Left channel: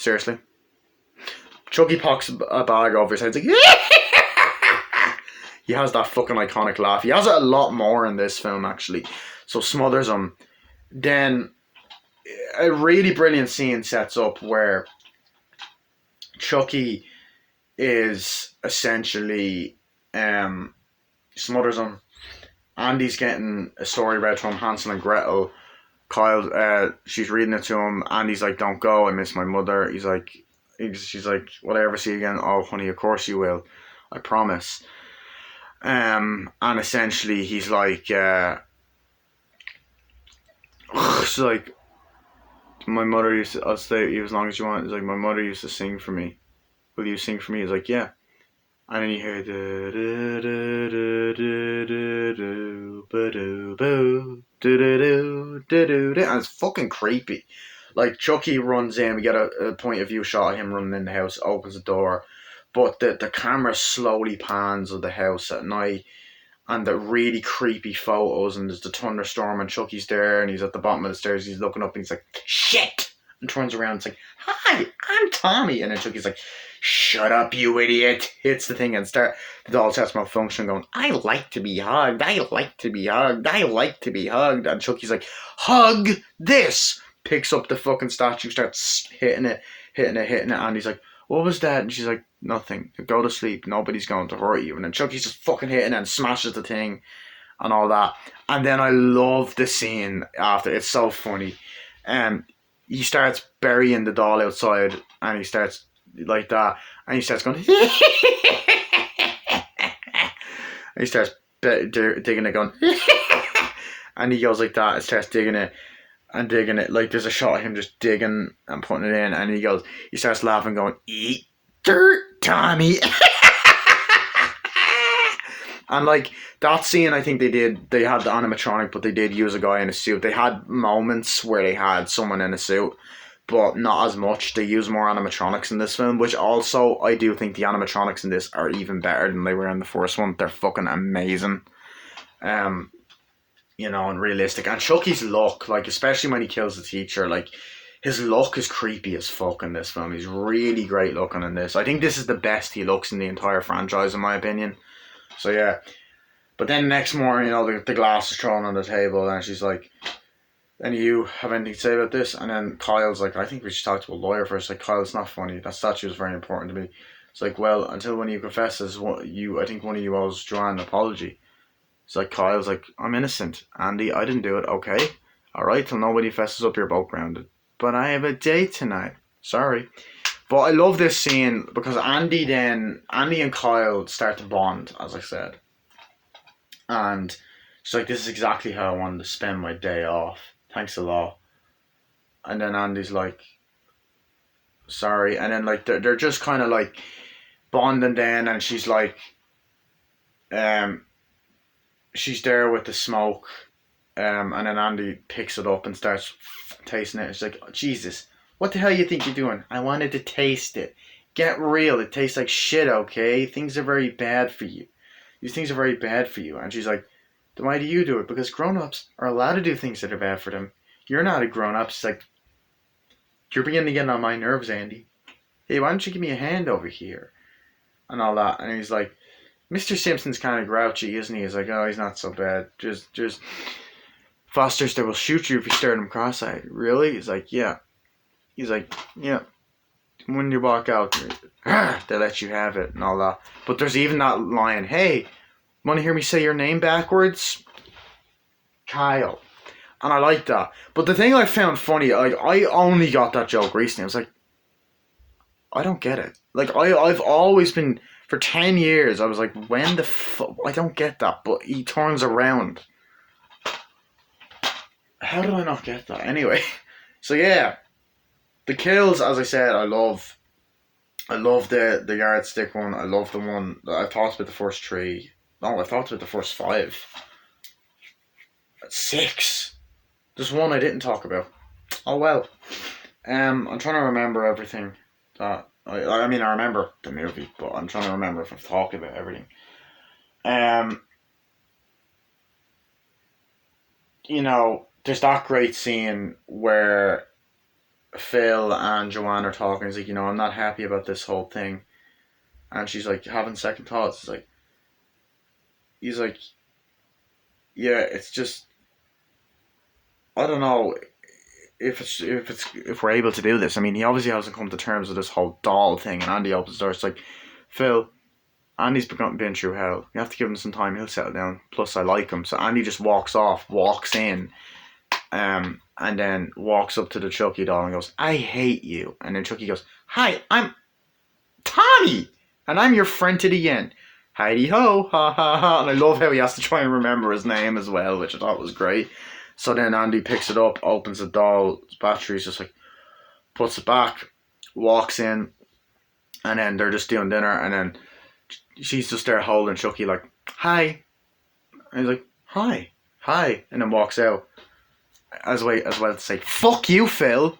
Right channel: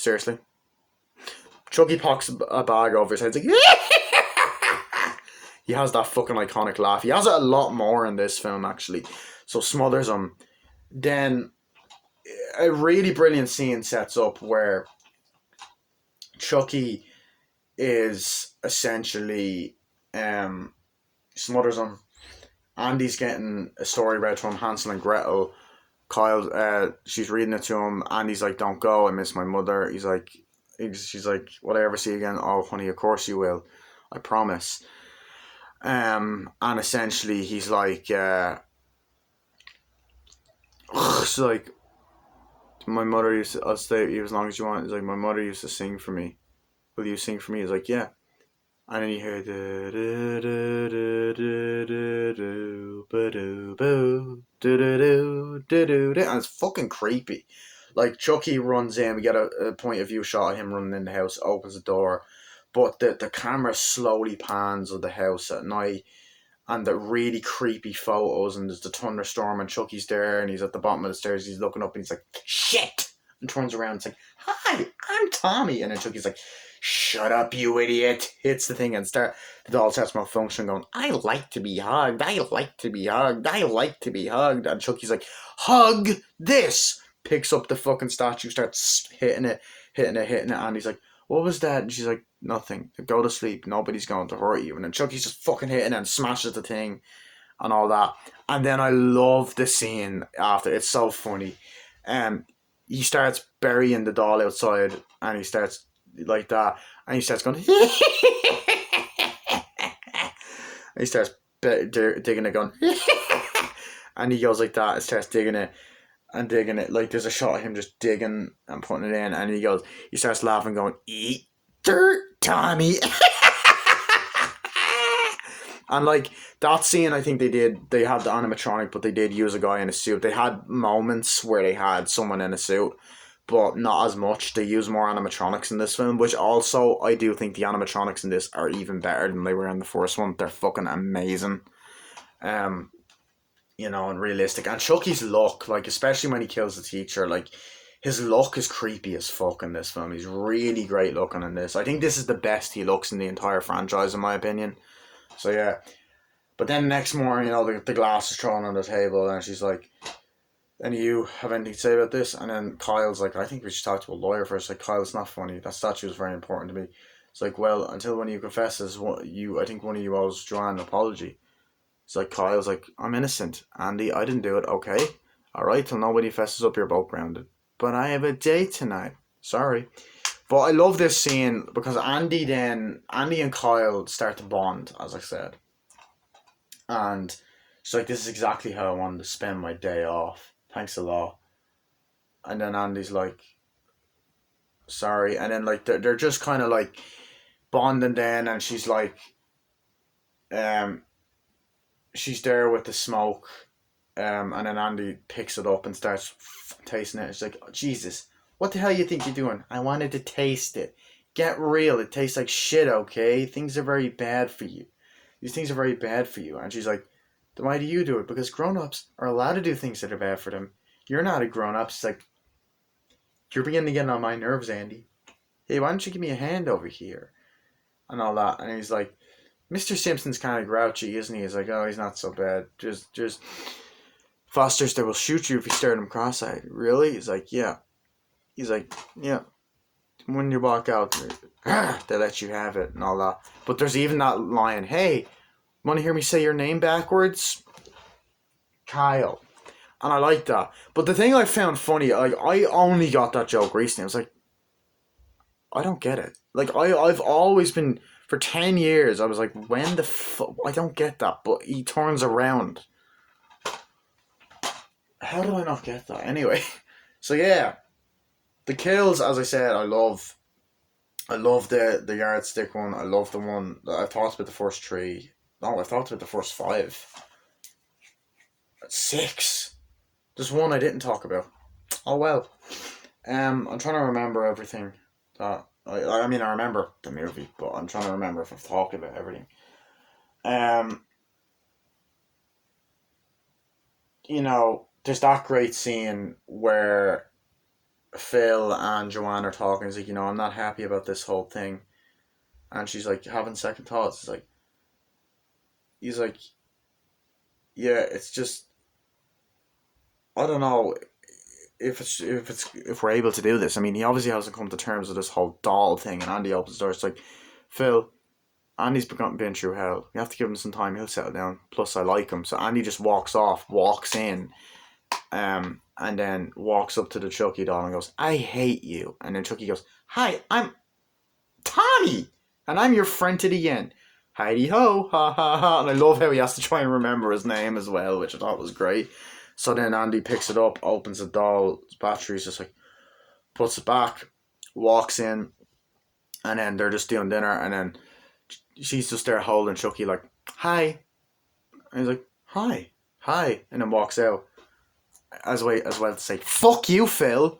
Seriously. Chucky pocks a bag over his head. He's like, he has that fucking iconic laugh. He has it a lot more in this film, actually. So smothers him. Then a really brilliant scene sets up where Chucky is essentially smothers him. Andy's getting a story read from Hansel and Gretel. Kyle, she's reading it to him. Andy's like, "Don't go. I miss my mother." She's like, "Will I ever see you again?" "Oh, honey, of course you will. I promise." And essentially, he's like, she's like, "My mother used to, I'll stay with you as long as you want." He's like, "My mother used to sing for me. Will you sing for me?" He's like, "Yeah." And then you hear and it's fucking creepy. Like Chucky runs in, we get a point of view shot of him running in the house, opens the door, but the camera slowly pans of the house at night, and the really creepy photos, and there's the thunderstorm, and Chucky's there, and he's at the bottom of the stairs, he's looking up, and he's like, "Shit!" and turns around, it's like, "Hi, I'm Tommy," and then Chucky's like, "Shut up, you idiot!" Hits the thing and the doll starts malfunctioning, going, "I like to be hugged, I like to be hugged, I like to be hugged," and Chucky's like, "Hug this!" Picks up the fucking statue, starts hitting it, and he's like, "What was that?" And she's like, "Nothing. Go to sleep. Nobody's going to hurt you." And then Chucky's just fucking hitting it and smashes the thing and all that. And then I love the scene after. It's so funny. He starts burying the doll outside, and he starts like that, and he starts going, and he starts digging it, going, and he goes like that, and starts digging it and digging it. Like there's a shot of him just digging and putting it in, and he starts laughing, going, "Eat dirt, Tommy." And like that scene, I think they had the animatronic, but they did use a guy in a suit. They had moments where they had someone in a suit, but not as much. They use more animatronics in this film, which also I do think the animatronics in this are even better than they were in the first one. They're fucking amazing. And realistic. And Chucky's look, like especially when he kills the teacher, like his look is creepy as fuck in this film. He's really great looking in this. I think this is the best he looks in the entire franchise, in my opinion. So yeah. But then next morning, the glass is thrown on the table, and she's like, "And you have anything to say about this?" And then Kyle's like, "I think we should talk to a lawyer first." Like, "Kyle, it's not funny. That statue is very important to me." It's like, "Well, until one of you confesses, I think one of you owes Joanne an apology." It's like, Kyle's like, "I'm innocent. Andy, I didn't do it, okay? Alright, till nobody fesses up, you're both grounded. But I have a date tonight. Sorry." But I love this scene because Andy and Kyle start to bond, as I said. And she's like, "This is exactly how I wanted to spend my day off. Thanks a lot." And then Andy's like, "Sorry." And then like they're just kind of like bonding then, and she's like, um, she's there with the smoke, and then Andy picks it up and starts tasting it. She's like, "Oh, Jesus, what the hell you think you're doing?" "I wanted to taste it. Get real. It tastes like shit, okay? Things are very bad for you. These things are very bad for you." And she's like, "Then why do you do it?" "Because grown-ups are allowed to do things that are bad for them. You're not a grown-up." She's like, "You're beginning to get on my nerves, Andy. Hey, why don't you give me a hand over here?" And all that. And he's like, "Mr. Simpson's kind of grouchy, isn't he?" He's like, "Oh, he's not so bad. Just Foster's that will shoot you if you stare at him cross-eyed." "Really?" He's like, "Yeah." He's like, "Yeah. When you walk out, they let you have it," and all that. But there's even that line, "Hey, want to hear me say your name backwards?" "Kyle." And I like that. But the thing I found funny, like I only got that joke recently. I was like, I don't get it. Like I've always been for 10 years. I was like, when the fuck? I don't get that. But he turns around. How do I not get that? Anyway, so yeah, the kills, as I said, I love. I love the yardstick one. I love the one. I've talked about the first three. No, I've talked about the first five. Six. There's one I didn't talk about. Oh well. I'm trying to remember everything. I mean, I remember the movie, but I'm trying to remember if I've talked about everything. Um, there's that great scene where Phil and Joanne are talking. He's like, I'm not happy about this whole thing. And she's like, having second thoughts. He's like, yeah, it's just, I don't know if we're able to do this. I mean, he obviously hasn't come to terms with this whole doll thing. And Andy opens the door. It's like, Phil, Andy's been through hell. You have to give him some time. He'll settle down. Plus, I like him. So Andy just walks off, walks in, and then walks up to the Chucky doll and goes, I hate you. And then Chucky goes, hi, I'm Tommy, and I'm your friend to the end. Heidi ho, ha ha ha. And I love how he has to try and remember his name as well, which I thought was great. So then Andy picks it up, opens the doll's batteries, just like puts it back, walks in, and then they're just doing dinner, and then she's just there holding Chucky like, hi. And he's like, hi, and then walks out. As well to say, fuck you, Phil.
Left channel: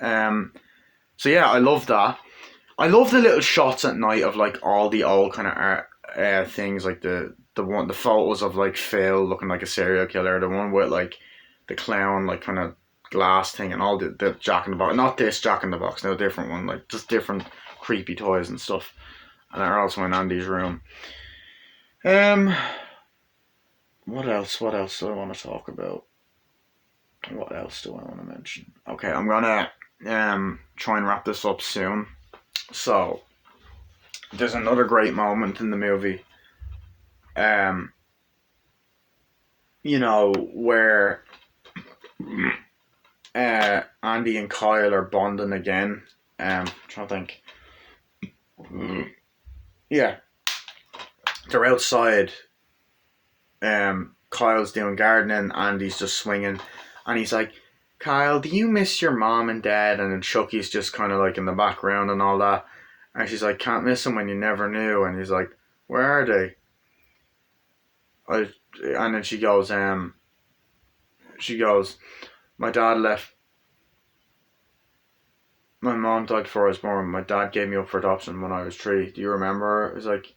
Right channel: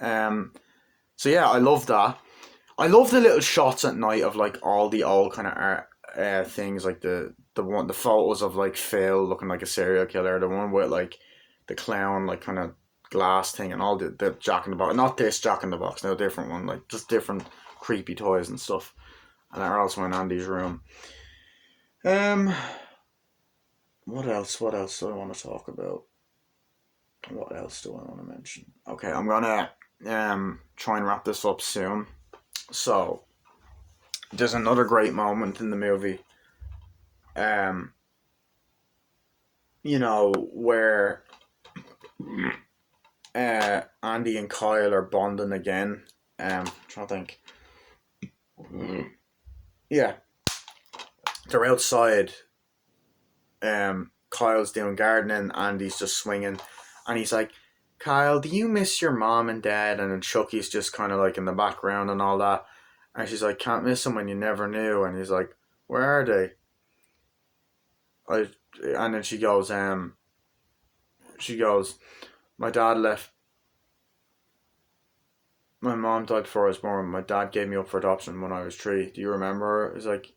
So yeah, I love that. I love the little shots at night of like all the old kind of art things, like the photos of like Phil looking like a serial killer, the one with like the clown like kind of glass thing, and all the Jack in the Box. Not this Jack in the Box, no, a different one, like just different creepy toys and stuff. And they're also in Andy's room. What else do I want to talk about? What else do I want to mention? Okay, I'm gonna try and wrap this up soon. So there's another great moment in the movie, where Andy and Kyle are bonding again. Trying to think. Yeah, they're outside. Kyle's doing gardening, Andy's just swinging, and he's like, Kyle, do you miss your mom and dad? And then Chucky's just kind of like in the background and all that. And she's like, can't miss them when you never knew. And he's like, where are they? And then she goes, my dad left. My mom died before I was born. My dad gave me up for adoption when I was 3. Do you remember? It's like,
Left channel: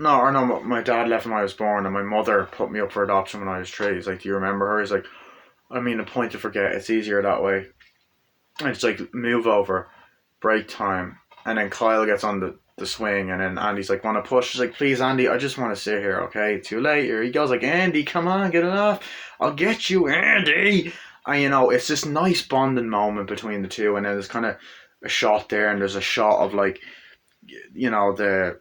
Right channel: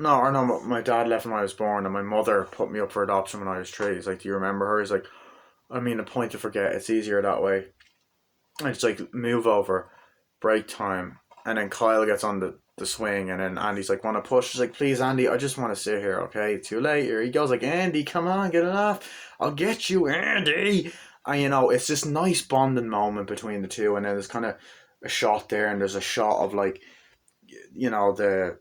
no, my dad left when I was born, and my mother put me up for adoption when I was 3. He's like, do you remember her? He's like, I mean, a point to forget. It's easier that way. And it's like, move over, break time. And then Kyle gets on the swing, and then Andy's like, want to push? She's like, please, Andy, I just want to sit here, okay? Too late. Here he goes, like, Andy, come on, get it off. I'll get you, Andy. And, it's this nice bonding moment between the two. And then there's kind of a shot there, and there's a shot of, like, the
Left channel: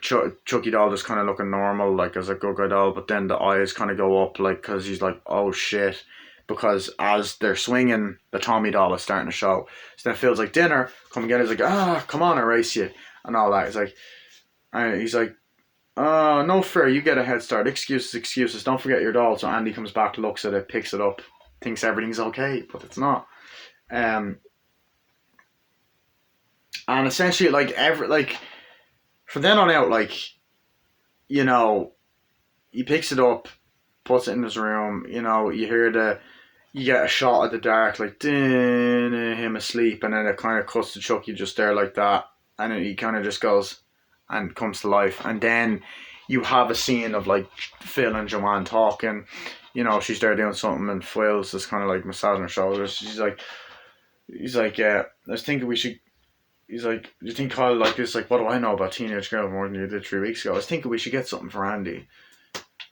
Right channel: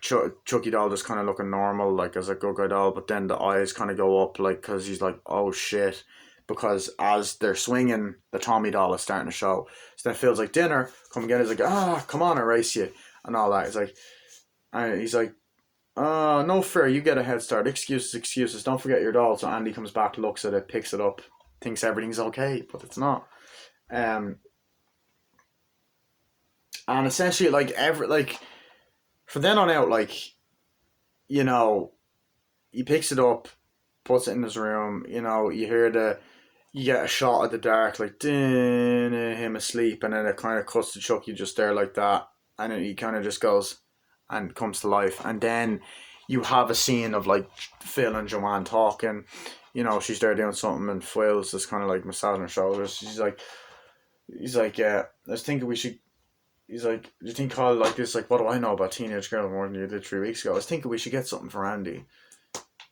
Chucky doll just kind of looking normal, like as a good guy doll, but then the eyes kind of go up, like, because he's like, oh shit, because as they're swinging, the Tommy doll is starting to show. So then Phil's like, dinner, come get it. He's like, come on, I'll race you, and all that. He's like, no fair, you get a head start. Excuses, don't forget your doll. So Andy comes back, looks at it, picks it up, thinks everything's okay, but it's not. And essentially, from then on out, he picks it up, puts it in his room, you get a shot of the dark, like, him asleep, and then it kind of cuts to Chucky just there like that, and then he kind of just goes and comes to life, and then you have a scene of, like, Phil and Joanne talking, she's there doing something, and Phil's just kind of, like, massaging her shoulders. He's like, yeah, I was thinking we should. He's like, do you think Kyle like this? Like, what do I know about Teenage Girl more than you did 3 weeks ago? I was thinking we should get something for Andy.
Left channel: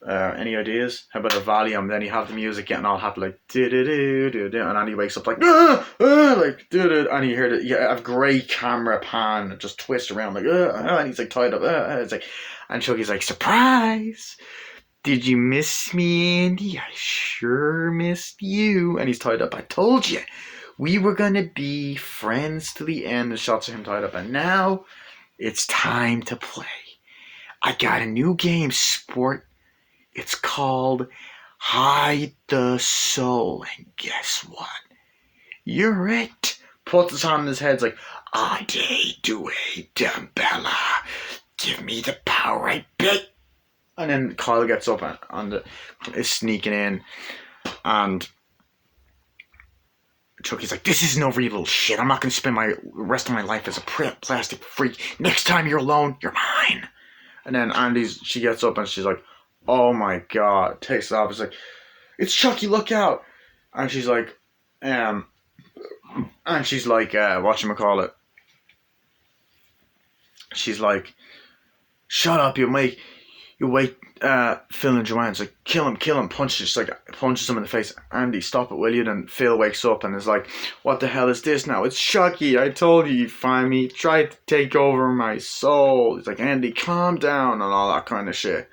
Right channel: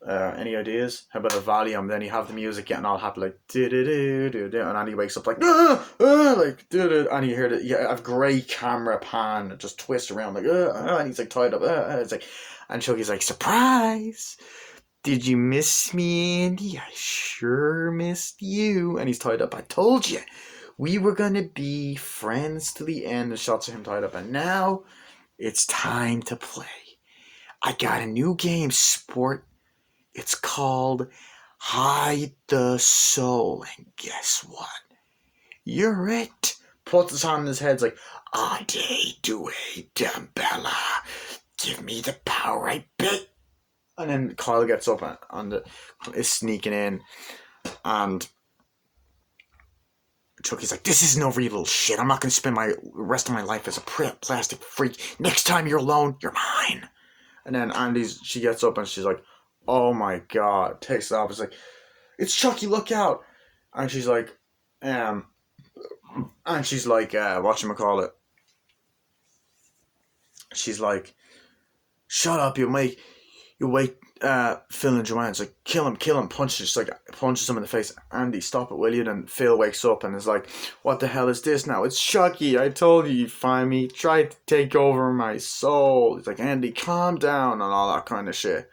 Any ideas? How about a Valium? Then you have the music getting all happy, like, do-do-do-do-do, and Andy wakes up like, like, do-do, and you hear you have great camera pan that just twists around, like, and he's like tied up, it's like, and Chucky's like, surprise! Did you miss me, Andy? I sure missed you. And he's tied up. I told you. We were going to be friends to the end. The shots of him tied up. And now it's time to play. I got a new game, sport. It's called Hide the Soul. And guess what? You're it. Puts his hand on his head. It's like, Ade Due Dambella. Give me the power I bet. And then Kyle gets up and is sneaking in, and Chucky's like, this isn't over, you little shit. I'm not going to spend my rest of my life as a plastic freak. Next time you're alone, you're mine. And then she gets up and she's like, oh my god, takes it off. It's like, it's Chucky, look out. And she's like, um, whatchamacallit? She's like, shut up, you wait, Phil and Joanne's like, kill him, punches him in the face. Andy, stop it, will you? Then Phil wakes up and is like, what the hell is this now? It's Chucky, I told you you'd find me, tried to take over my soul. He's like, Andy, calm down, and all that kind of shit.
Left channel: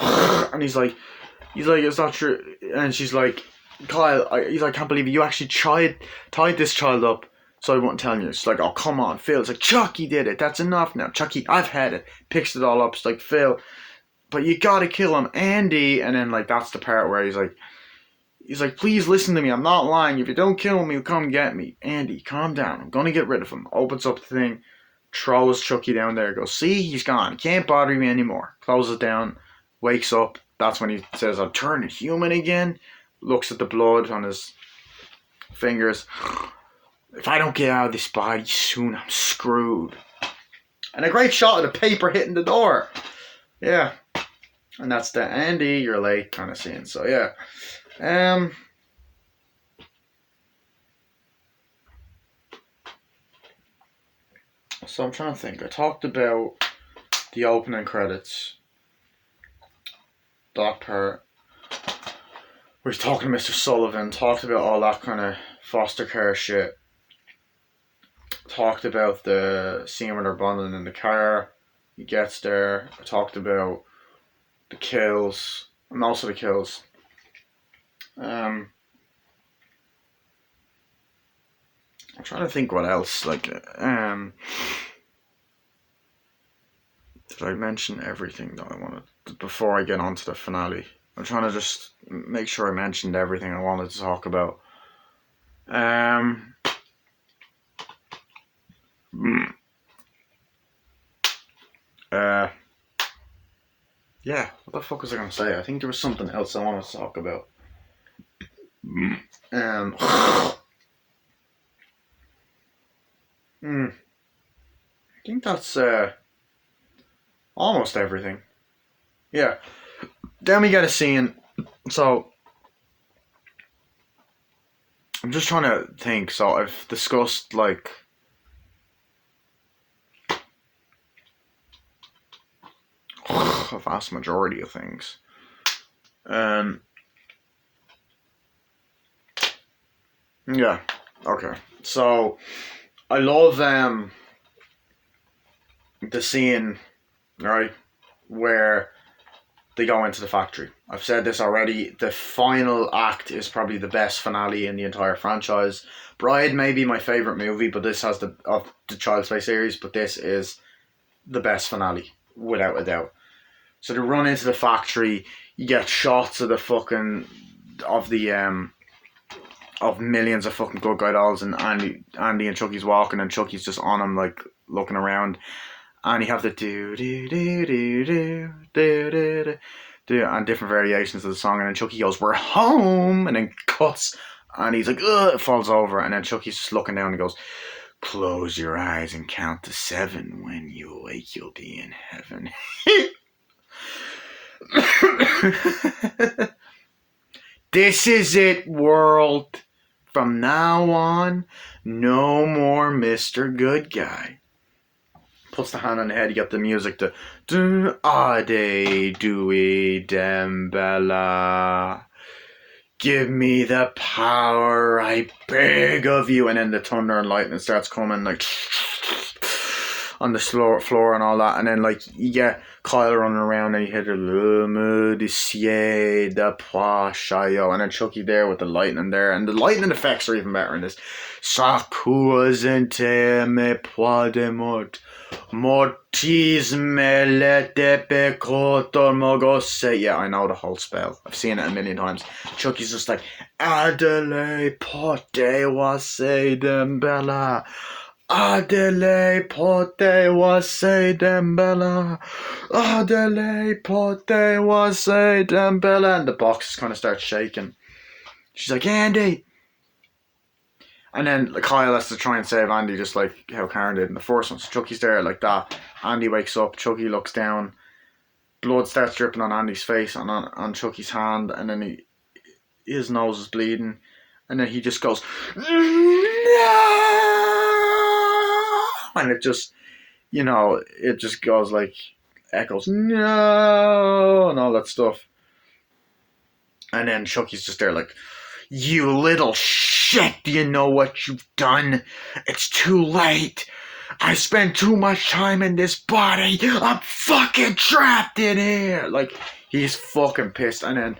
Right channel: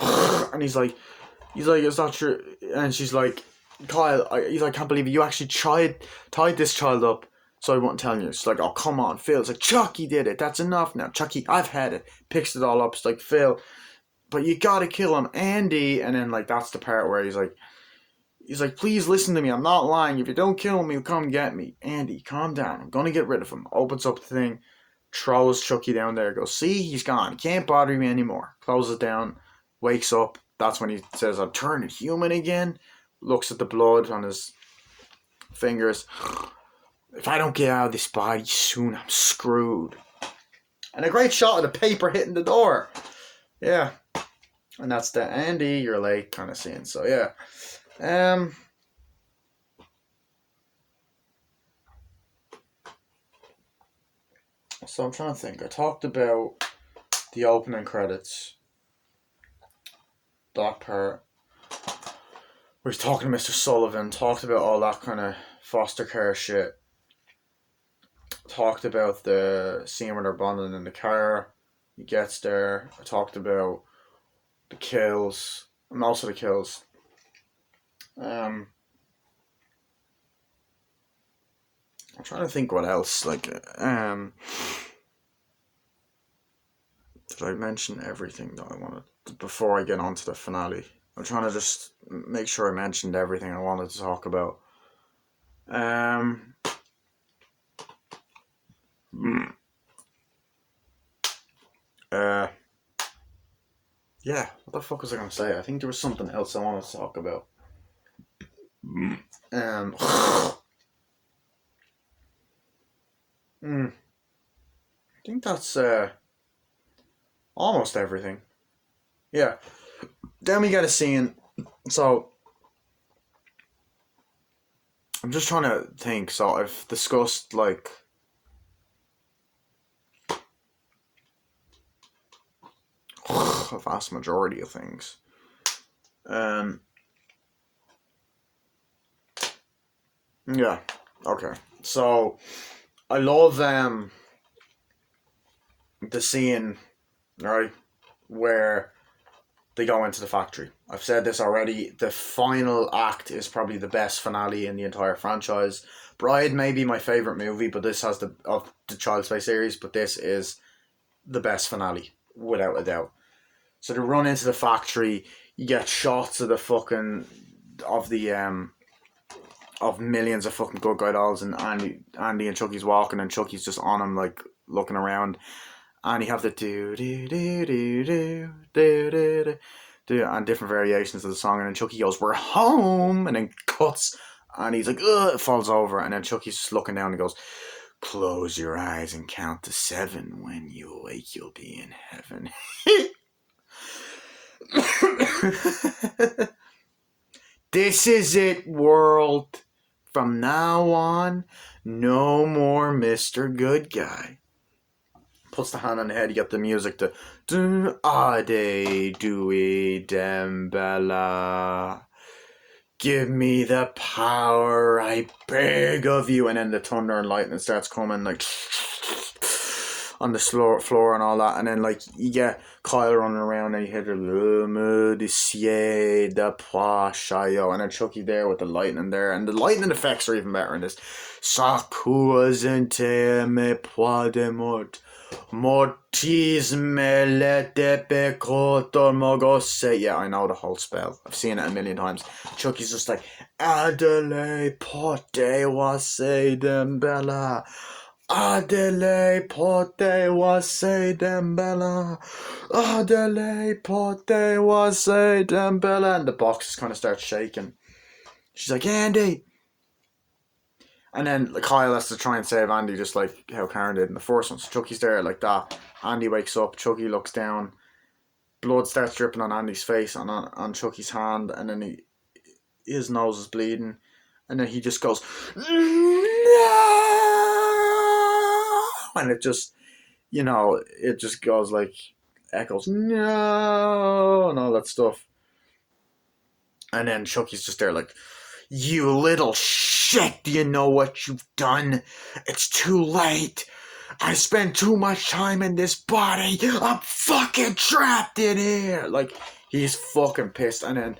And he's like, it's not true. And she's like, Kyle, he's like, I can't believe it. You actually tied this child up so I won't tell you. It's like, oh, come on, Phil. It's like, Chucky did it. That's enough now. Chucky, I've had it. Picks it all up. It's like, Phil, but you gotta kill him, Andy. And then, like, that's the part where he's like, please listen to me. I'm not lying. If you don't kill him, he'll come get me. Andy, calm down. I'm gonna get rid of him. Opens up the thing, throws Chucky down there, goes, see, he's gone. He can't bother me anymore. Closes it down, wakes up. That's when he says, I'm turning human again. Looks at the blood on his fingers. If I don't get out of this body soon, I'm screwed. And a great shot of the paper hitting the door. Yeah. And that's the Andy, you're late kind of scene. So yeah. So I'm trying to think. I talked about the opening credits. That part. Where he's talking to Mr. Sullivan. Talked about all that kind of foster care shit. Talked about the scene where they're bonding in the car. He gets there. I talked about the kills. And also the kills. I'm trying to think what else. Like, did I mention everything that I wanted before I get on to the finale? I'm trying to just make sure I mentioned everything I wanted to talk about. Yeah, what the fuck was I gonna say? I think there was something else I wanted to talk about. I think that's almost everything. Yeah. Then we get a scene. So I'm just trying to think. So I've discussed like a vast majority of things. Yeah. Okay. So I love the scene, right, where they go into the factory. I've said this already. The final act is probably the best finale in the entire franchise. Bride may be my favorite movie, but this has of the Child's Play series. But this is the best finale, without a doubt. So they run into the factory. You get shots of the fucking of millions of fucking good guy dolls, and Andy and Chucky's walking, and Chucky's just on him, like looking around, and you have the do do do do do do do do and different variations of the song, and then Chucky goes, "We're home," and then cuts, and he's like, "Ugh," falls over, and then Chucky's just looking down and goes, "Close your eyes and count to 7. When you awake, you'll be in heaven." This is it, world. From now on, no more Mr. Good Guy. Puts the hand on the head, you get the music, the do ade dewey dembella. Give me the power, I beg of you. And then the thunder and lightning starts coming, like on the floor and all that. And then like you get Kyle running around and you hear the Lumu de Sie de Pashayo, and then Chucky there with the lightning there, and the lightning effects are even better in this. Sakuazente me poidemut mortis me lete pecotor mogose. Yeah, I know the whole spell. I've seen it a million times. Chucky's just like Adele pote wase dembella. Adele pote wase dembella. Adele pote wase dembella. And the box kind of starts shaking. She's like, Andy. And then Kyle has to try and save Andy, just like how Karen did in the first one. So Chucky's there like that. Andy wakes up. Chucky looks down. Blood starts dripping on Andy's face and on Chucky's hand. And then his nose is bleeding, and then he just goes, no! And it just, it just goes like, echoes, no, and all that stuff. And then Chucky's just there like, you little shit, do you know what you've done? It's too late. I spent too much time in this body. I'm fucking trapped in here. Like, he's fucking pissed. And then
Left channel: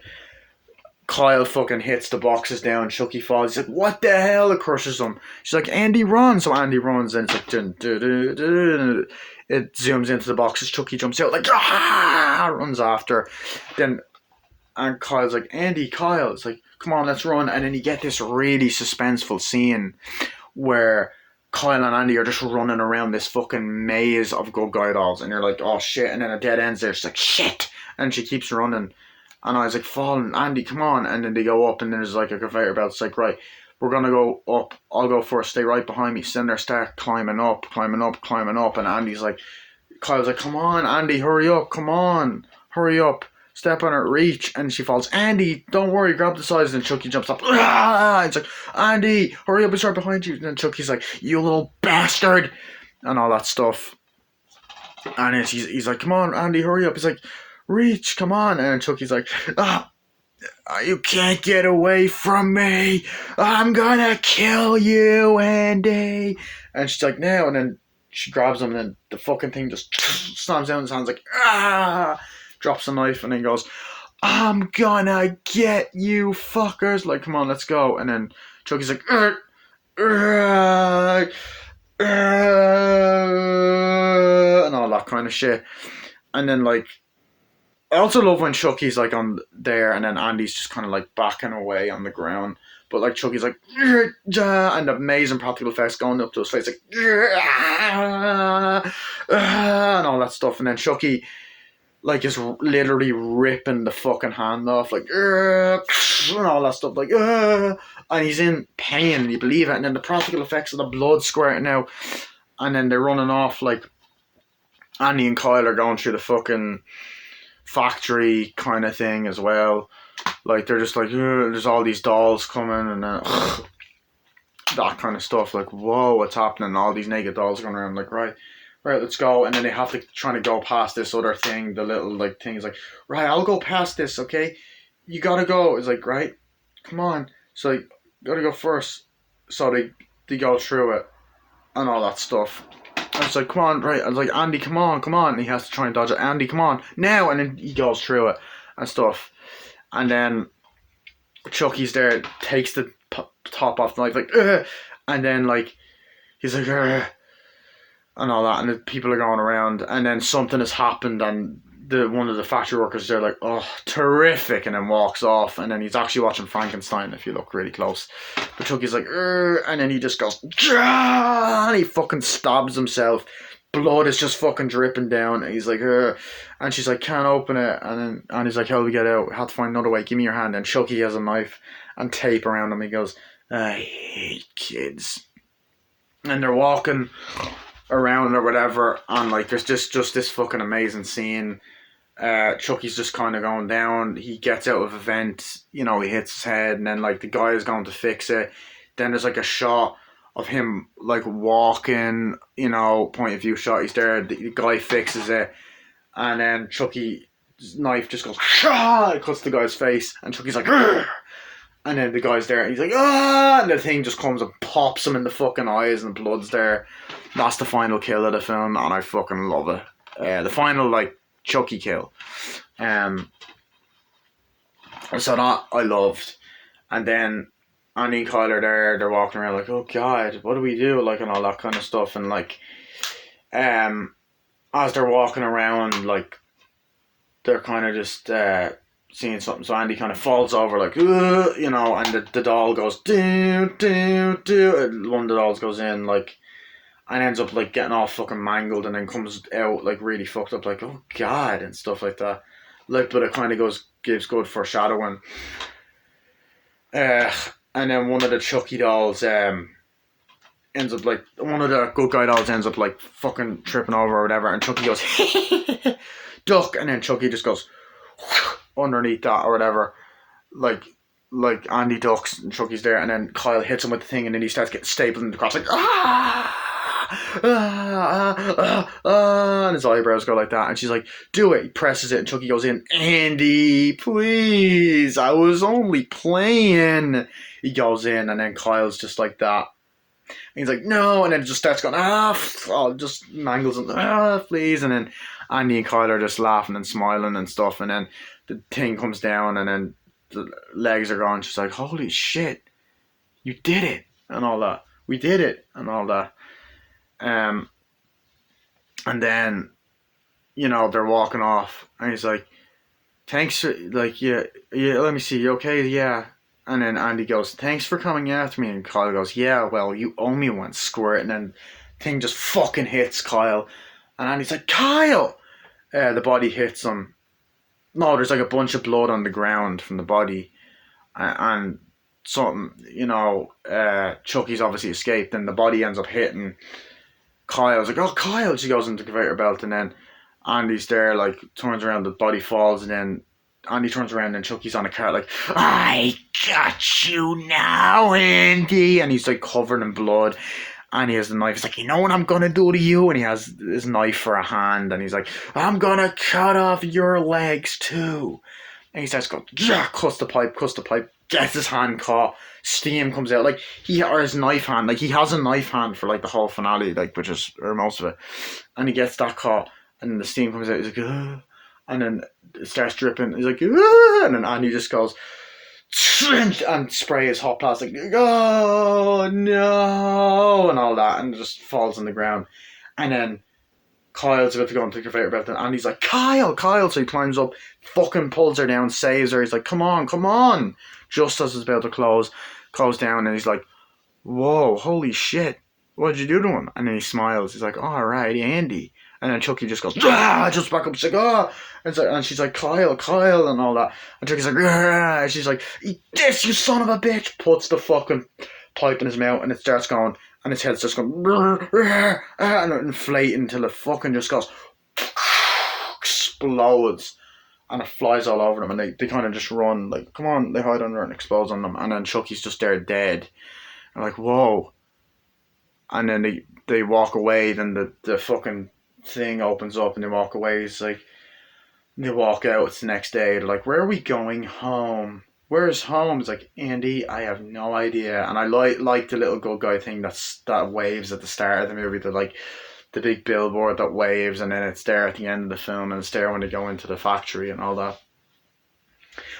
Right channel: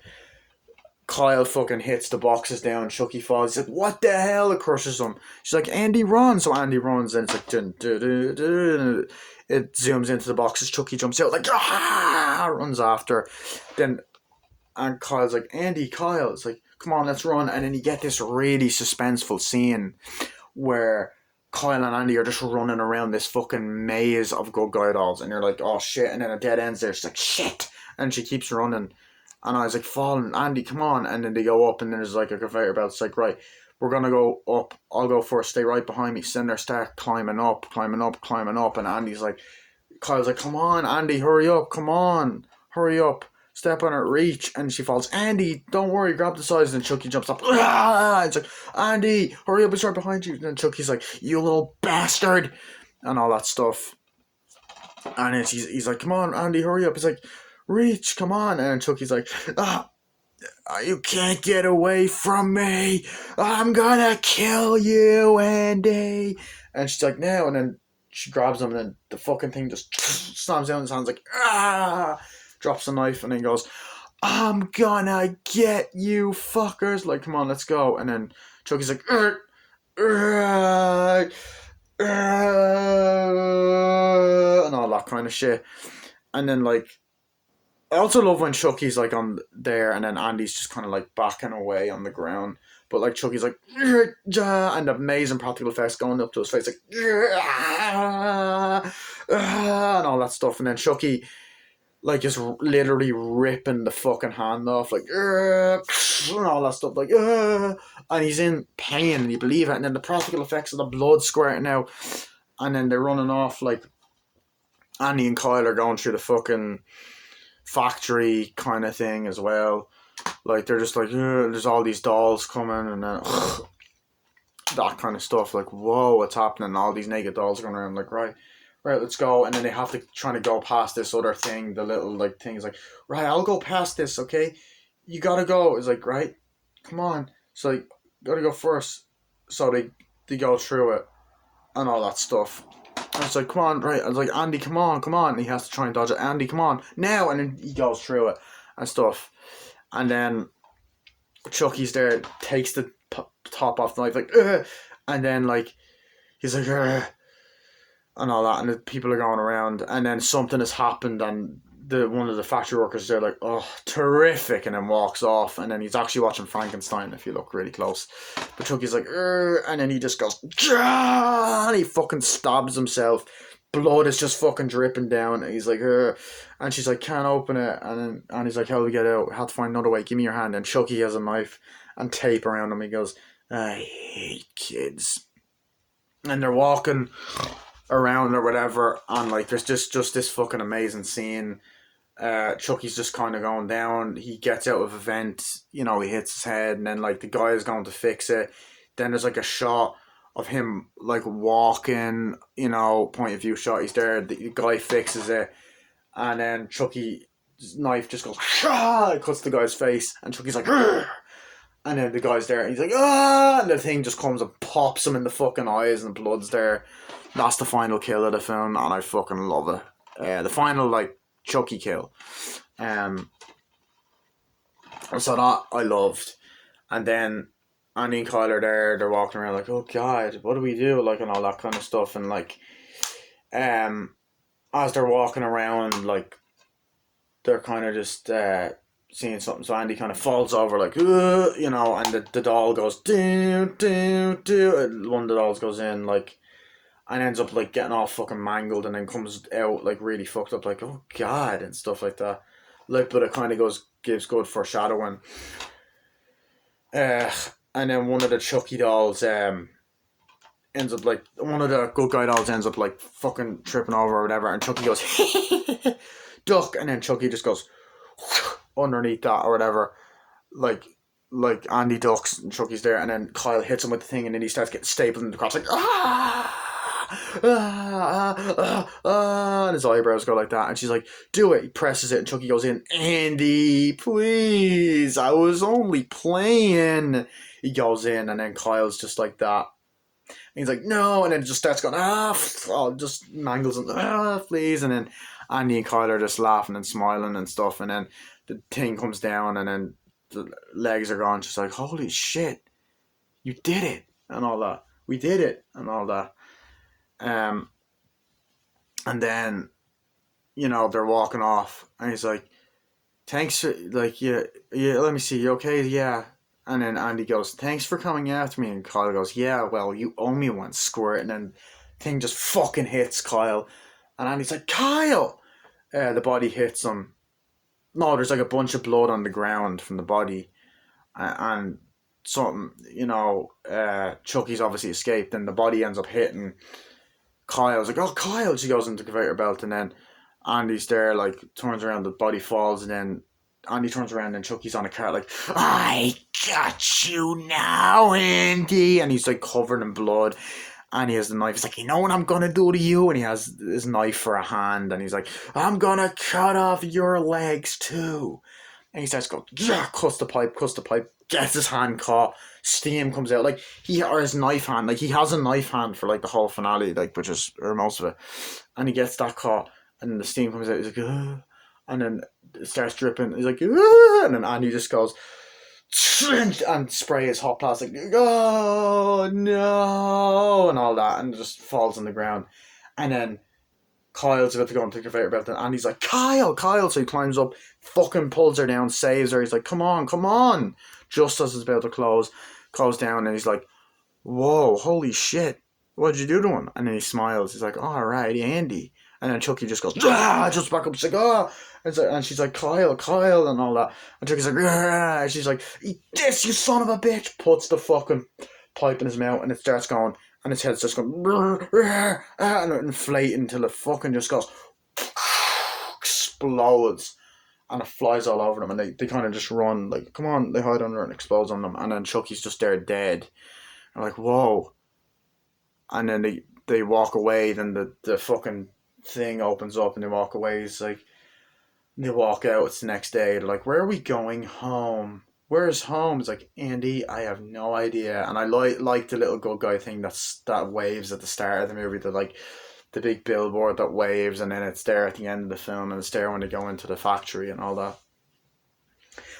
Kyle fucking hits the boxes down. Chucky falls. He's like, what the hell? It crushes him. She's like, Andy, run. So Andy runs, and it's like, dun, dun, dun, dun. It zooms into the boxes. Chucky jumps out like, runs after. Then, and Kyle's like, Andy, Kyle. It's like, come on, let's run. And then you get this really suspenseful scene where Kyle and Andy are just running around this fucking maze of good guy dolls, and you're like, oh shit, and then a dead ends there. She's like, shit, and she keeps running, and I was like, falling, Andy, come on. And then they go up, and there's like a conveyor belt. It's like, right, we're gonna go up, I'll go first, stay right behind me. So then they start climbing up, and Andy's like, Kyle's like, come on, Andy, hurry up, come on, hurry up. Step on her, reach, and she falls. Andy, don't worry, grab the sides. And Chucky jumps up. It's like, Andy, hurry up, it's right behind you. And then Chucky's like, you little bastard, and all that stuff. And then he's like, come on, Andy, hurry up. He's like, reach, come on. And then Chucky's like, you can't get away from me. I'm gonna kill you, Andy. And she's like, now. And then she grabs him, and then the fucking thing just slams down his hands like, drops a knife, and then goes, I'm gonna get you fuckers. Like, come on, let's go. And then Chucky's like, and all that kind of shit. And then, like, I also love when Chucky's like on there, and then Andy's just kind of like backing away on the ground. But like Chucky's like, and the amazing practical effects going up to his face, like, and all that stuff. And then Chucky, like, is literally ripping the fucking hand off, like, and all that stuff, like, and he's in pain, and you believe it. And then the practical effects of the blood squirting out, and then they're running off, like, Andy and Kyle are going through the fucking factory kind of thing as well. Like, they're just like, there's all these dolls coming, and that kind of stuff. Like, whoa, what's happening? All these naked dolls going around, like, right, let's go. And then they have to try to go past this other thing, the little, like, thing is like, right, I'll go past this, okay? You gotta go. It's like, right, come on. So, like, gotta go first. So they go through it and all that stuff. I was like, come on, right. I was like, Andy, come on. And he has to try and dodge it. Andy, come on, now. And then he goes through it and stuff. And then Chucky's there, takes the top off the knife, like, and then, like, he's like, and all that. And the people are going around. And then something has happened, and one of the factory workers there, like, oh, terrific, and then walks off. And then he's actually watching Frankenstein if you look really close. But Chucky's like, and then he just goes, and he fucking stabs himself. Blood is just fucking dripping down. And he's like, and she's like, can't open it. And he's like, how do we get out? Have to find another way. Give me your hand. And Chucky has a knife and tape around him. He goes, I hate kids. And they're walking around or whatever, and like there's just this fucking amazing scene. Chucky's just kind of going down. He gets out of a vent, he hits his head, and then like the guy is going to fix it. Then there's like a shot of him like walking, point of view shot. He's there, the guy fixes it, and then Chucky's knife just goes, it cuts the guy's face, and Chucky's like, and then the guy's there, and he's like, and the thing just comes and pops him in the fucking eyes, and the blood's there. That's the final kill of the film, and I fucking love it. The final, like, Chucky kill. So that I loved. And then Andy and Kyle are there, they're walking around like, oh god, what do we do? Like, and all that kind of stuff. And like, as they're walking around, like, they're kind of just seeing something. So Andy kind of falls over, like, and the doll goes, do, and one of the dolls goes in, like, and ends up like getting all fucking mangled, and then comes out like really fucked up, like, oh god, and stuff like that. Like, but it kind of gives good foreshadowing. And then one of the Chucky dolls ends up like, one of the good guy dolls ends up like fucking tripping over or whatever, and Chucky goes duck, and then Chucky just goes underneath that or whatever, like like Andy ducks and Chucky's there, and then Kyle hits him with the thing, and then he starts getting stapled in the crotch like and his eyebrows go like that, and she's like, "Do it." He presses it, and Chucky goes in. Andy, please, I was only playing. He goes in, and then Kyle's just like that. And he's like, no, and then it just starts going, just mangles him, please, and then Andy and Kyle are just laughing and smiling and stuff, and then the thing comes down, and then the legs are gone. She's like, holy shit, you did it, and all that. We did it, and all that. And then, they're walking off, and he's like, thanks for, like, yeah, let me see, you okay? Yeah. And then Andy goes, thanks for coming after me. And Kyle goes, yeah, well, you owe me one, squirt. And then thing just fucking hits Kyle. And Andy's like, Kyle! The body hits him. No, there's like a bunch of blood on the ground from the body. And something, Chucky's obviously escaped. And the body ends up hitting Kyle's like, oh, Kyle! She goes into the conveyor belt. And then Andy's there, like, turns around, the body falls. And then Andy turns around and Chucky's on a cart like, I got you now, Andy. And he's like covered in blood. And he has the knife. He's like, you know what I'm going to do to you? And he has his knife for a hand. And he's like, I'm going to cut off your legs too. And he starts going, yeah, cuts the pipe. Gets his hand caught. Steam comes out. Like, or his knife hand. Like, he has a knife hand for like the whole finale, like, or most of it. And he gets that caught. And the steam comes out. He's like, ugh. And then it starts dripping. He's like, ah! And then Andy just goes and spray his hot plastic. Oh no, and all that, and just falls on the ground. And then Kyle's about to go and take her conveyor belt, and Andy's like, Kyle. So he climbs up, fucking pulls her down, saves her. He's like, come on. Just as it's about to close down, and he's like, whoa, holy shit, what'd you do to him? And then he smiles. He's like, all right, Andy. And then Chucky just goes, just back up. She's like, oh. And she's like, Kyle, and all that. And Chucky's like, and she's like, eat this, you son of a bitch. Puts the fucking pipe in his mouth, and it starts going, and his head's just going, and inflating until it fucking just goes, explodes. And it flies all over them, and they kind of just run, like, come on, they hide under it and explodes on them. And then Chucky's just there dead. And like, whoa. And then they walk away, then the fucking thing opens up and they walk away. It's like, they walk out, it's the next day, they're like, where are we going? Home. Where's home? It's like, Andy, I have no idea. And I like the little good guy thing that waves at the start of the movie, the big billboard that waves, and then it's there at the end of the film, and it's there when they go into the factory and all that.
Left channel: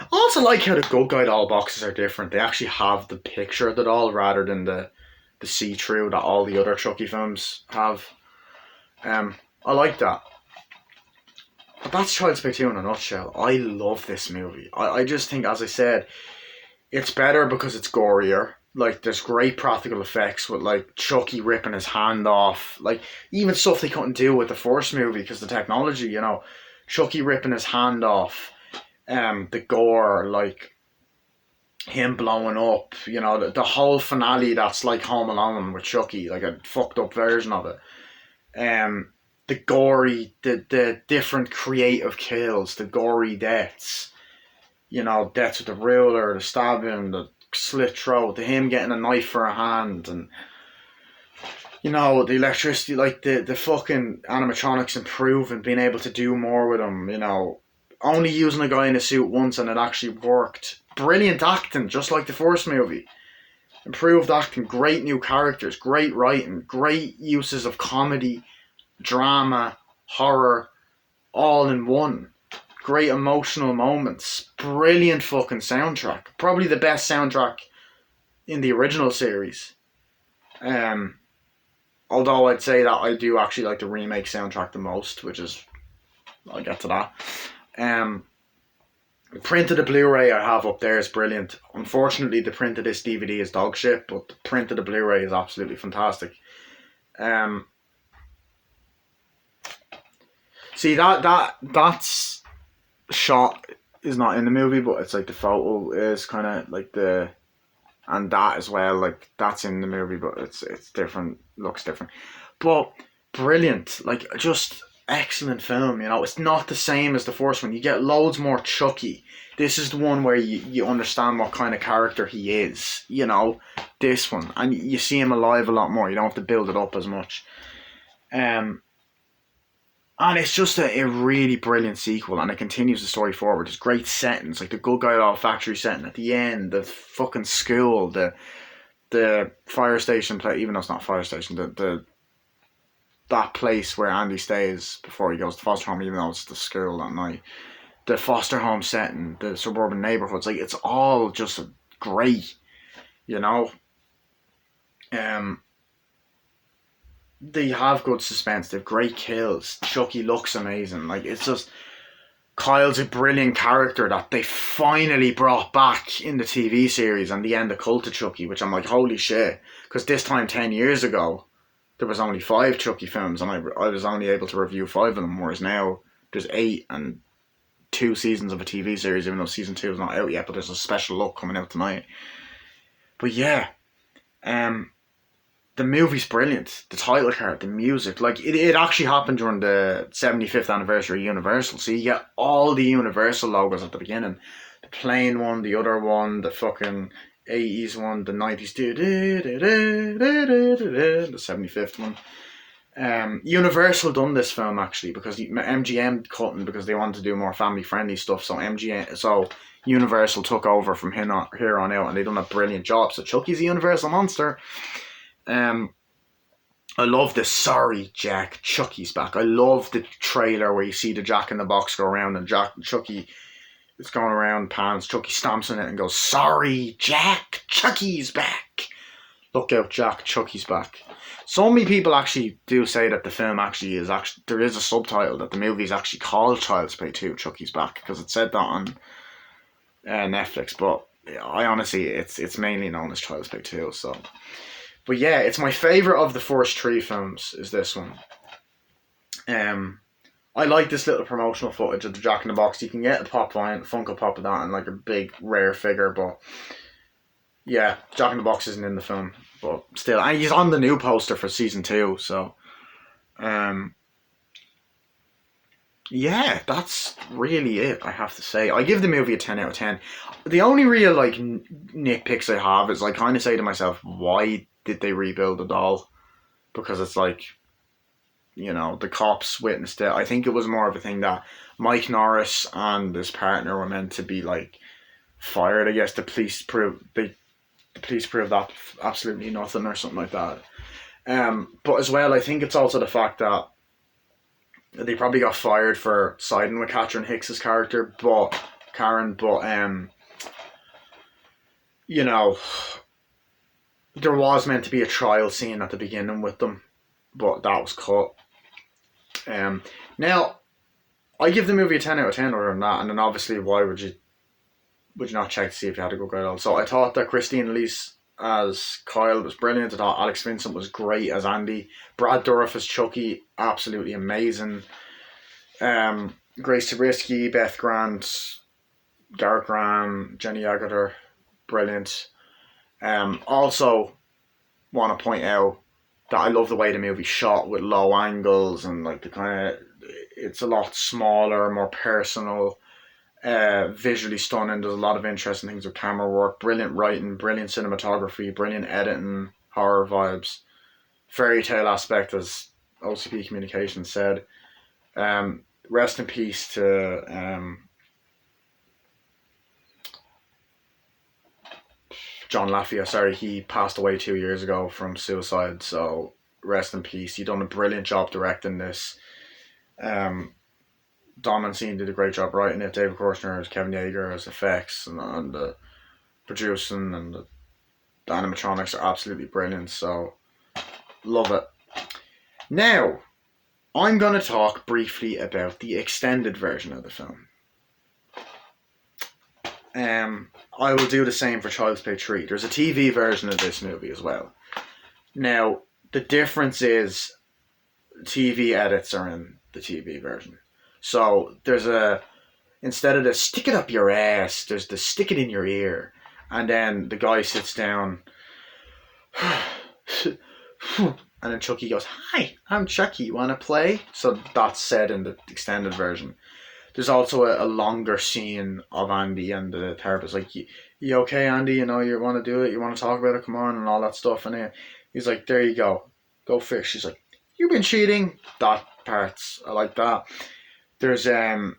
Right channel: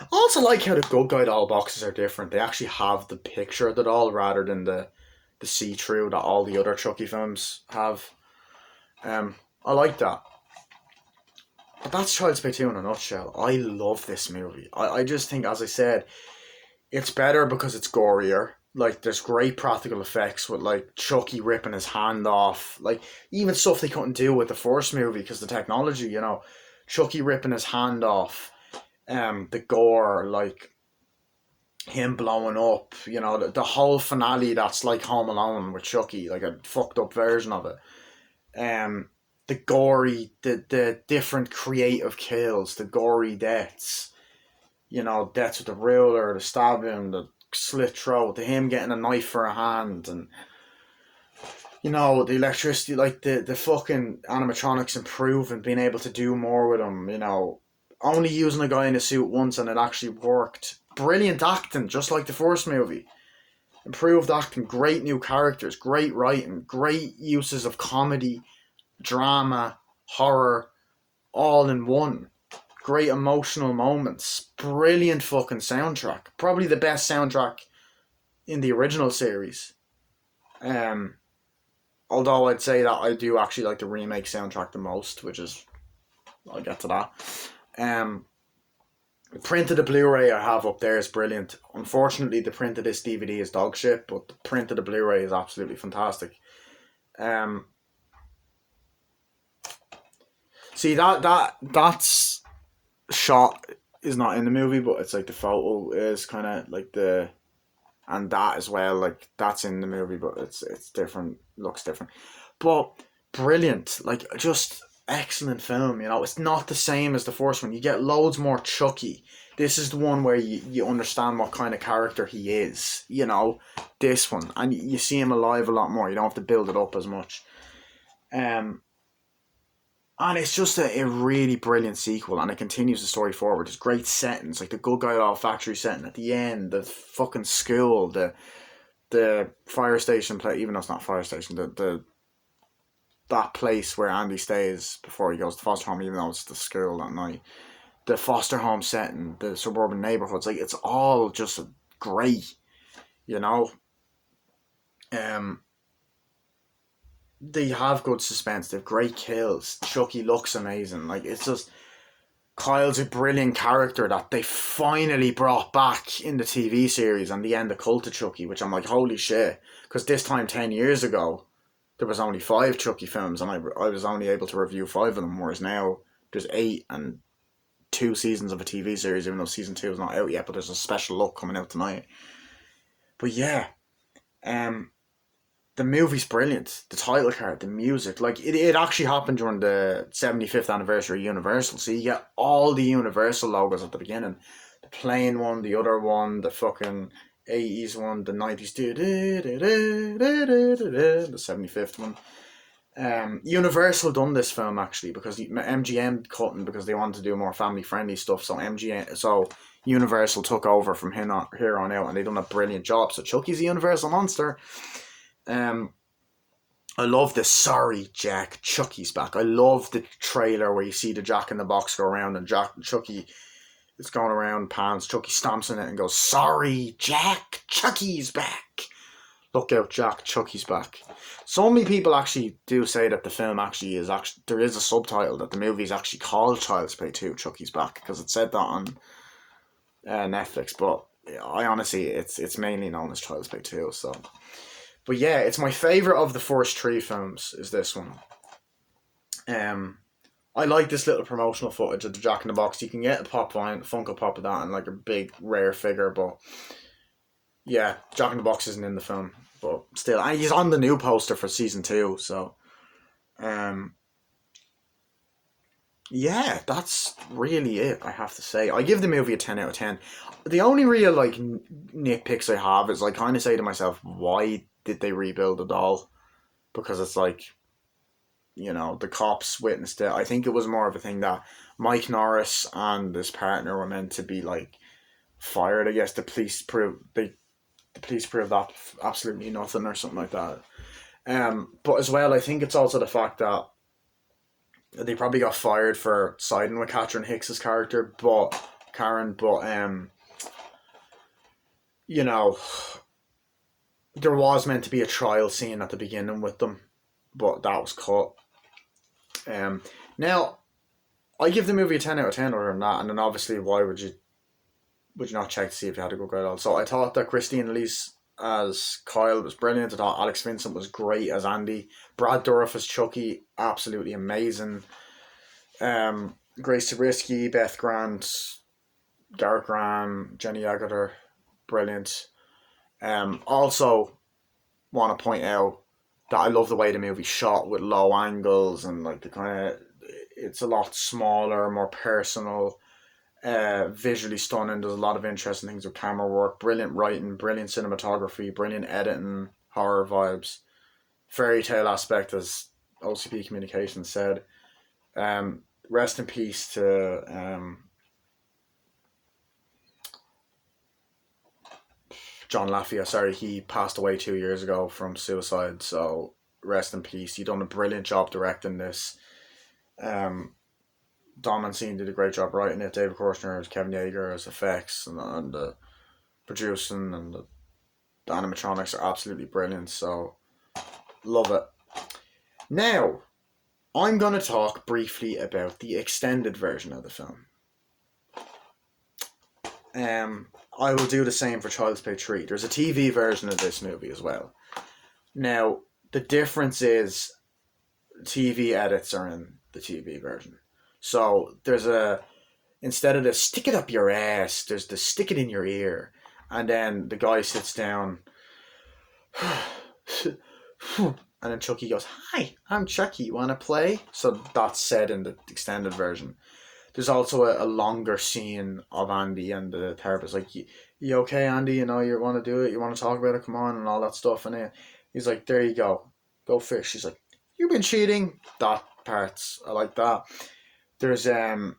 I also like how the good guy doll boxes are different. They actually have the picture of the doll rather than the see-through that all the other Chucky films have. I like that. But that's Child's Play 2 in a nutshell. I love this movie. I just think, as I said, it's better because it's gorier. Like, there's great practical effects with, like, Chucky ripping his hand off. Like, even stuff they couldn't do with the first movie because the technology, Chucky ripping his hand off. The gore, like, him blowing up, the whole finale that's like Home Alone with Chucky, like a fucked up version of it. The gory, the different creative kills, the gory deaths, deaths with the ruler, the stabbing, the slit throat, him getting a knife for a hand, and the electricity, like the fucking animatronics improving, being able to do more with them, only using a guy in a suit once and it actually worked. Brilliant acting, just like the first movie. Improved acting, great new characters, great writing, great uses of comedy, drama, horror, all in one. Great emotional moments. Brilliant fucking soundtrack. Probably the best soundtrack in the original series. Although I'd say that I do actually like the remake soundtrack the most, which is, I'll get to that. Print of the Blu-ray I have up there is brilliant. Unfortunately, the print of this DVD is dog shit, but the print of the Blu-ray is absolutely fantastic. See, that's shot is not in the movie, but it's like the photo is kind of like and that as well, like that's in the movie, but it's different, looks different. But brilliant, like just excellent film. You know, it's not the same as the first one. You get loads more Chucky. This is the one where you understand what kind of character he is. You know, this one, and you see him alive a lot more. You don't have to build it up as much. Um, and it's just a really brilliant sequel, and it continues the story forward. There's great settings, like the Good Guy Law Factory setting at the end, the fucking school, the fire station play. Even though it's not a fire station, the that place where Andy stays before he goes to foster home, even though it's the school that night. The foster home setting, the suburban neighborhoods, like it's all just great, you know. Um, they have good suspense. They have great kills. Chucky looks amazing. Like it's just Kyle's a brilliant character that they finally brought back in the TV series and the end of Cult of Chucky, which I'm like, holy shit. Because this time 10 years ago, there was only 5 Chucky films and I was only able to review 5 of them, whereas now there's 8 and 2 seasons of a TV series, even though season 2 is not out yet, but there's a special look coming out tonight. But yeah, the movie's brilliant. The title card, the music, like it actually happened during the 75th anniversary of Universal. So you get all the Universal logos at the beginning. The plane one, the other one, the fucking 80s one, the 90s, the 75th one. Universal done this film actually because MGM couldn't because they wanted to do more family friendly stuff. So Universal took over from here on out, and they done a brilliant job. So Chucky's a Universal monster. I love the "Sorry, Jack, Chucky's back." I love the trailer where you see the Jack in the Box go around and Chucky is going around, pans. Chucky stamps on it and goes, "Sorry, Jack, Chucky's back." Look out, Jack, Chucky's back. So many people actually do say that the film actually there is a subtitle that the movie is actually called Child's Play 2, Chucky's Back, because it said that on Netflix. But I honestly, it's mainly known as Child's Play 2. So. But yeah, it's my favourite of the first 3 films is this one. I like this little promotional footage of the Jack in the Box. You can get a Funko Pop of that and like a big rare figure, but yeah, Jack in the Box isn't in the film, but still, and he's on the new poster for season 2. So, yeah, that's really it. I have to say, I give the movie a 10 out of 10. The only real like nitpicks I have is I kind of say to myself, why did they rebuild the doll? Because it's like, you know, the cops witnessed it. I think it was more of a thing that Mike Norris and his partner were meant to be like fired. I guess the police proved that absolutely nothing or something like that. But as well, I think it's also the fact that they probably got fired for siding with Catherine Hicks's character, but you know, there was meant to be a trial scene at the beginning with them, but that was cut. Now, I give the movie a 10 out of 10 other than that, and then obviously, why would you not check to see if you had a good girl? So I thought that Christine Elise as Kyle was brilliant. I thought Alex Vincent was great as Andy. Brad Dourif as Chucky, absolutely amazing. Grace Zabriskie, Beth Grant, Garrett Graham, Jenny Agutter, brilliant. Also, want to point out that I love the way the movie's shot with low angles and like the kind of, it's a lot smaller, more personal, visually stunning. There's a lot of interesting things with camera work, brilliant writing, brilliant cinematography, brilliant editing, horror vibes, fairy tale aspect, as OCP Communications said. Rest in peace to John Lafia. Sorry, he passed away 2 years ago from suicide. So rest in peace. He done a brilliant job directing this. Don Mancini did a great job writing it. David Koechner as Kevin Yeager as effects and the producing and the animatronics are absolutely brilliant. So love it. Now, I'm going to talk briefly about the extended version of the film. I will do the same for Child's Play 3. There's a TV version of this movie as well. Now, the difference is TV edits are in the TV version. So there's instead of the stick it up your ass, there's the stick it in your ear. And then the guy sits down And then Chucky goes, "Hi, I'm Chucky. You want to play?" So that's said in the extended version. There's also a longer scene of Andy and the therapist, like, you okay, Andy? You know, you want to do it? You want to talk about it? Come on, and all that stuff. And he's like, "There you go fish." She's like, "You've been cheating." That part's I like that. There's a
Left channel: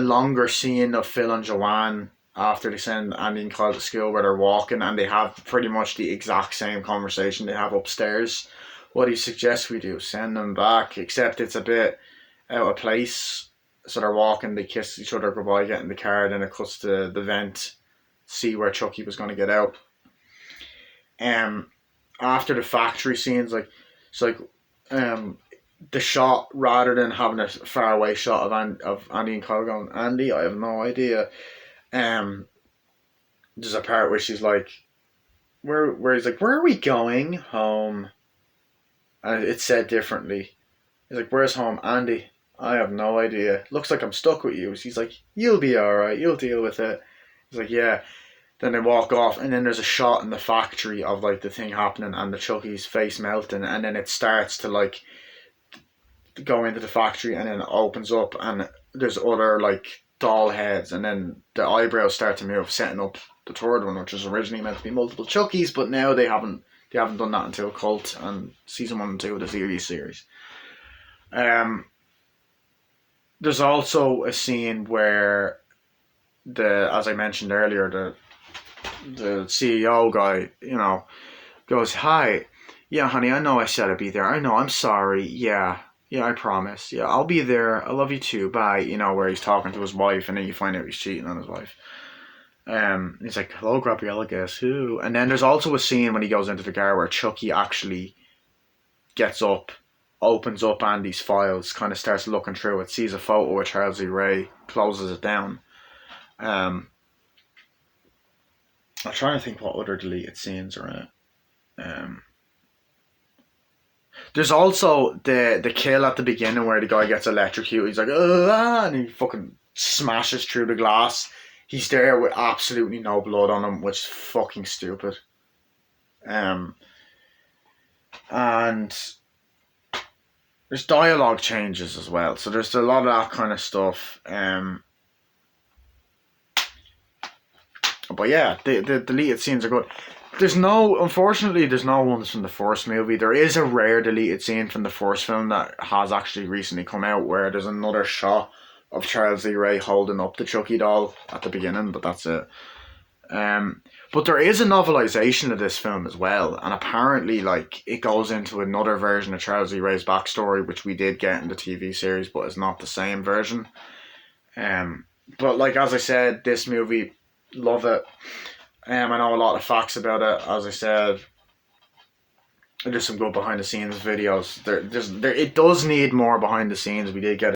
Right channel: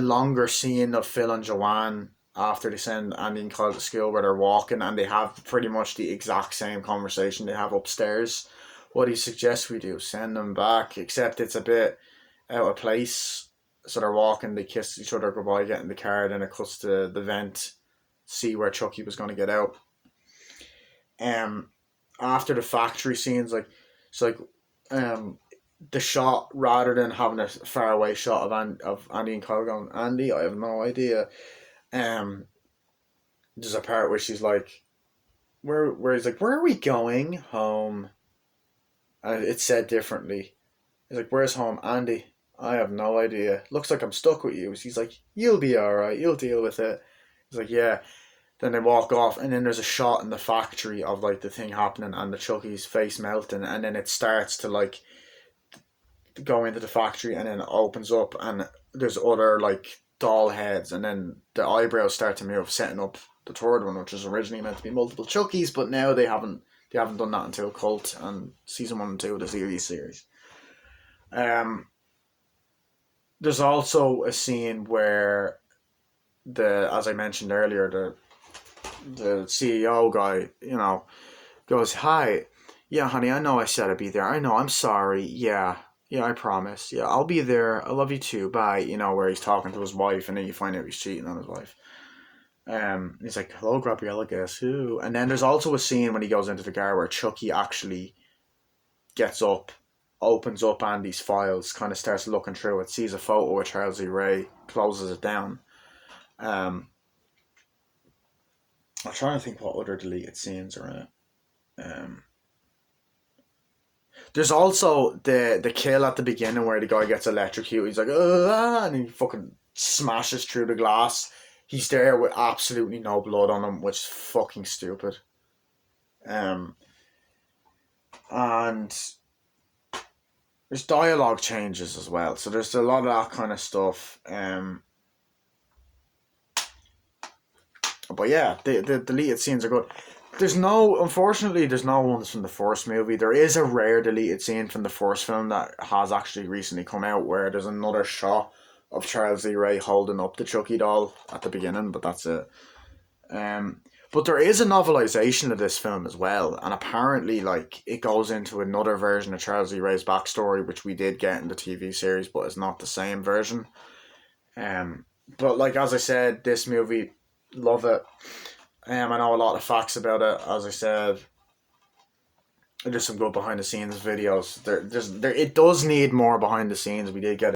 longer scene of Phil and Joanne after they send Andy and Kyle to school, where they're walking and they have pretty much the exact same conversation they have upstairs. What he suggests we do, send them back, except it's a bit out of place. So they're walking, they kiss each other goodbye, get in the car, then it cuts to the vent, see where Chucky was going to get out. After the factory scenes, like, it's like, the shot, rather than having a far away shot of Andy and Kyle going, "Andy, I have no idea." There's a part where she's like, where he's like, "Where are we going? Home." And it's said differently. He's like, "Where's home, Andy?" "I have no idea. Looks like I'm stuck with you." She's like, "You'll be alright, you'll deal with it." He's like, "Yeah." Then they walk off, and then there's a shot in the factory of like the thing happening and the Chucky's face melting, and then it starts to like go into the factory, and then it opens up, and there's other like doll heads, and then the eyebrows start to move, setting up the third one, which was originally meant to be multiple Chuckies, but now they haven't done that until Cult and season 1 and 2 of the TV series. There's also a scene where as I mentioned earlier, the CEO guy, goes, "Hi, yeah, honey, I know I said I'd be there. I know, I'm sorry. Yeah, I promise. Yeah, I'll be there. I love you too. Bye." Where he's talking to his wife, and then you find out he's cheating on his wife. He's like, "Hello, Gabriella, guess who?" And then there's also a scene when he goes into the car where Chucky actually gets up, opens up Andy's files, kind of starts looking through it, sees a photo of Charles E. Ray, closes it down. I'm trying to think what other deleted scenes are in it. There's also the kill at the beginning where the guy gets electrocuted. He's like, "Ah," and he fucking smashes through the glass. He's there with absolutely no blood on him, which is fucking stupid. And there's dialogue changes as well, so there's a lot of that kind of stuff. But yeah, the deleted scenes are good. Unfortunately, there's no ones from the first movie. There is a rare deleted scene from the first film that has actually recently come out, where there's another shot of Charles E. Ray holding up the Chucky doll at the beginning, but that's it. But there is a novelization of this film as well, and apparently, like, it goes into another version of Charles E. Ray's backstory, which we did get in the TV series, but it's not the same version. But like, as I said, this movie, love it. I know a lot of facts about it. As I said, there's some good behind the scenes videos. It does need more behind the scenes. We did get